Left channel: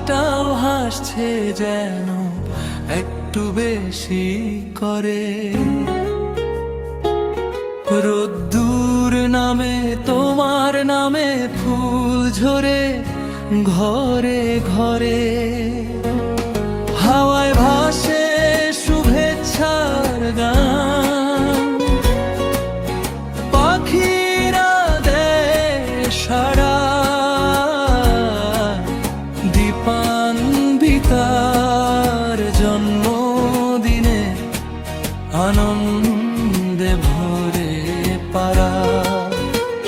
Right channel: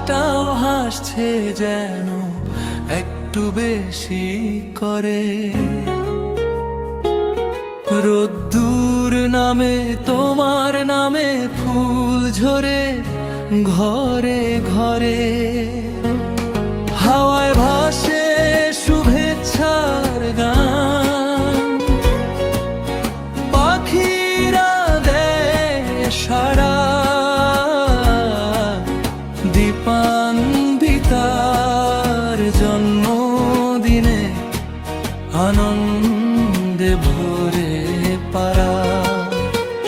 আকাশটাও হাসছে যেন একটু বেশি করে। রোদ্দুর নামে তোমার নামে ফুল ঝরে ঘরে ঘরে। হাওয়ায় ভাসে শুভেচ্ছার গান, পাখিরা দেয় সাড়া। দীপান্বিতার জন্মদিনে আনন্দে ভরে পারা।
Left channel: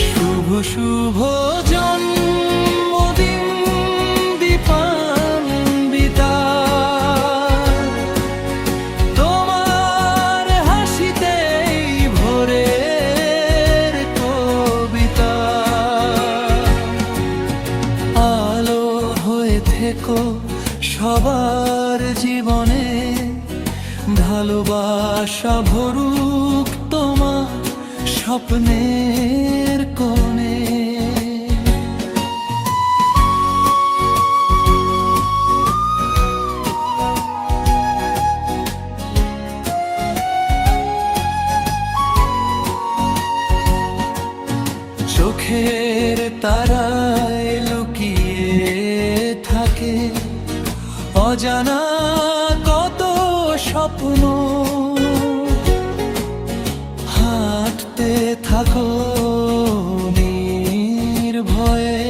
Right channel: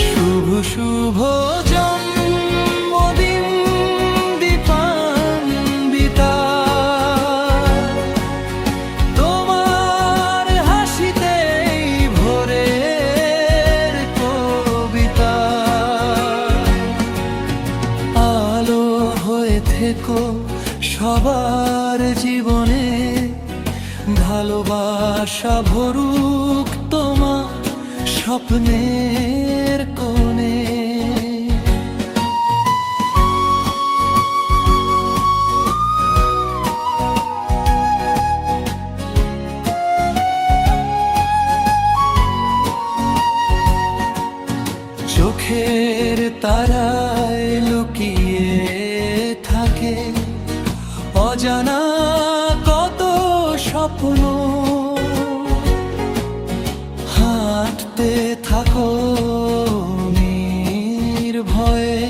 শুভ শুভ জন্মদিন দীপান্বিতা, তোমার হাসিতেই ভোরের কবিতা। আলো হয়ে থেকো সবার জীবনে, ভালোবাসা ভরুক তোমার স্বপ্নের কোণে। চোখের তারায় লুকিয়ে থাকে অজানা কত স্বপ্ন। হাঁটতে থাকো নির্ভয়ে,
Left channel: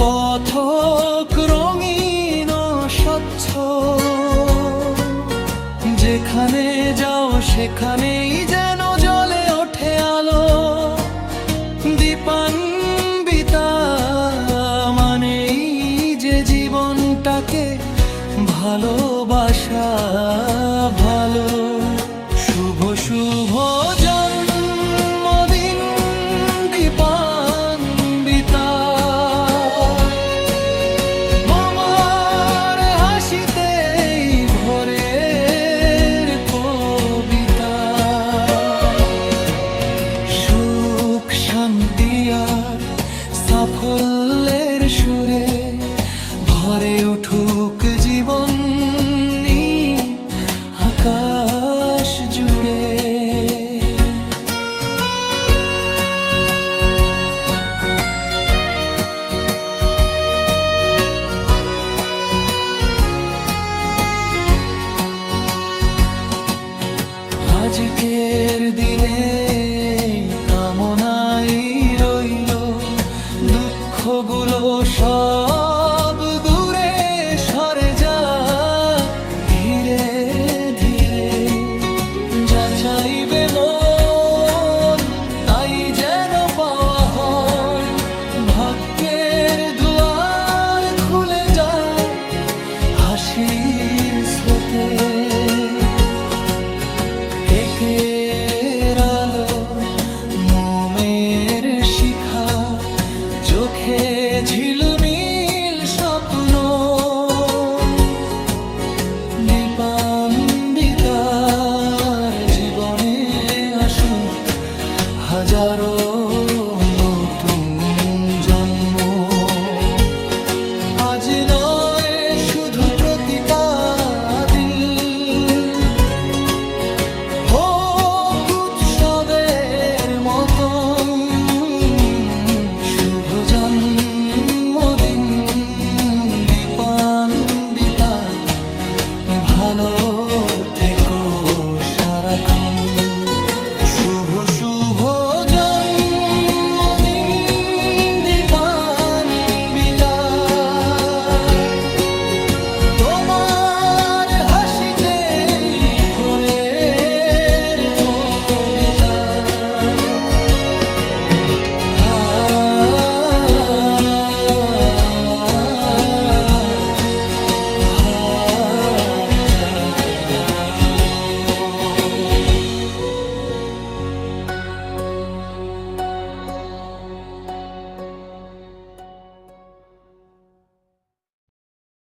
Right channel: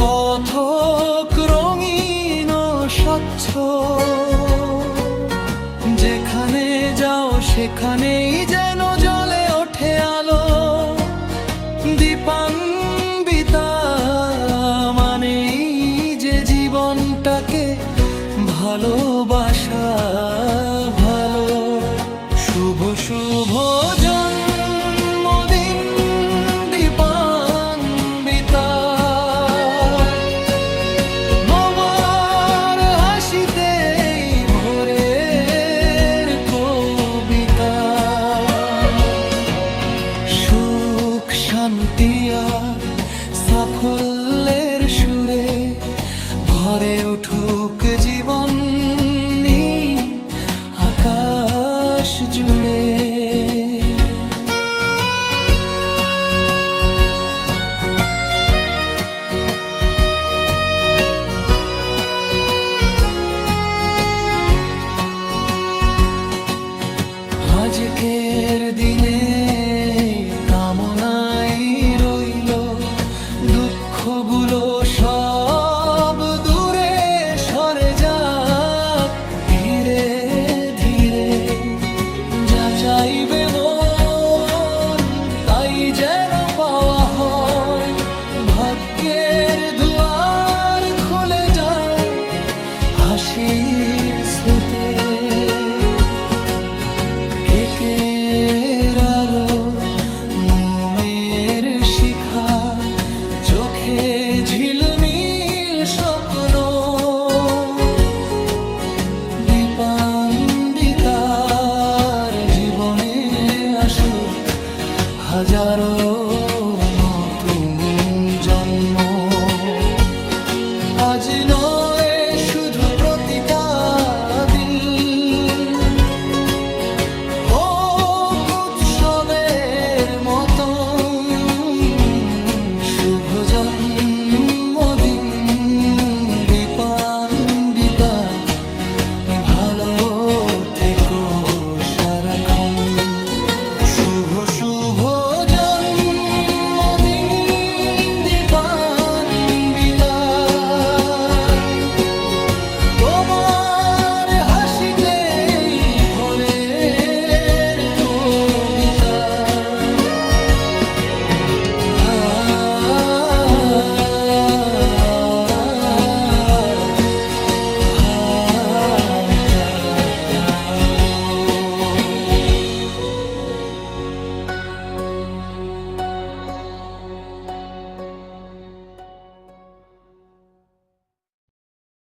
পথক রঙিন ও স্বচ্ছ। যেখানে যাও সেখানেই যেন জ্বলে ওঠে আলো। দীপান্বিতা মানেই যে জীবনটাকে ভালোবাসা ভালো। শুভ শুভ জন্মদিন দীপান্বিতা, তোমার হাসিতেই ভোরের কবিতা। সুখ শান্তি আর সাফল্যের সুরে ভরে উঠুক জীবন আকাশ জুড়ে। আজকের দিনে কামনাই রইল দুঃখগুলো সব দূরে সরে যাক ধীরে ধীরে। যা চাইবে মন তাই যেন পাওয়া হয়, ভাগ্যের দুয়ার খুলে যায় হাসির স্রোতে। কেকের আলো মোমের শিখা, চোখে ঝিলমিল স্বপ্ন। দীপান্বিতার জীবনে আসুক হাজারো নতুন জন্ম। আজ নয় শুধু প্রতিটা দিন হোক উৎসবের মতো। শুভ জন্মদিন দীপান্বিতা, ভালো থেকো সারাক্ষণ। শুভ শুভ জন্মদিন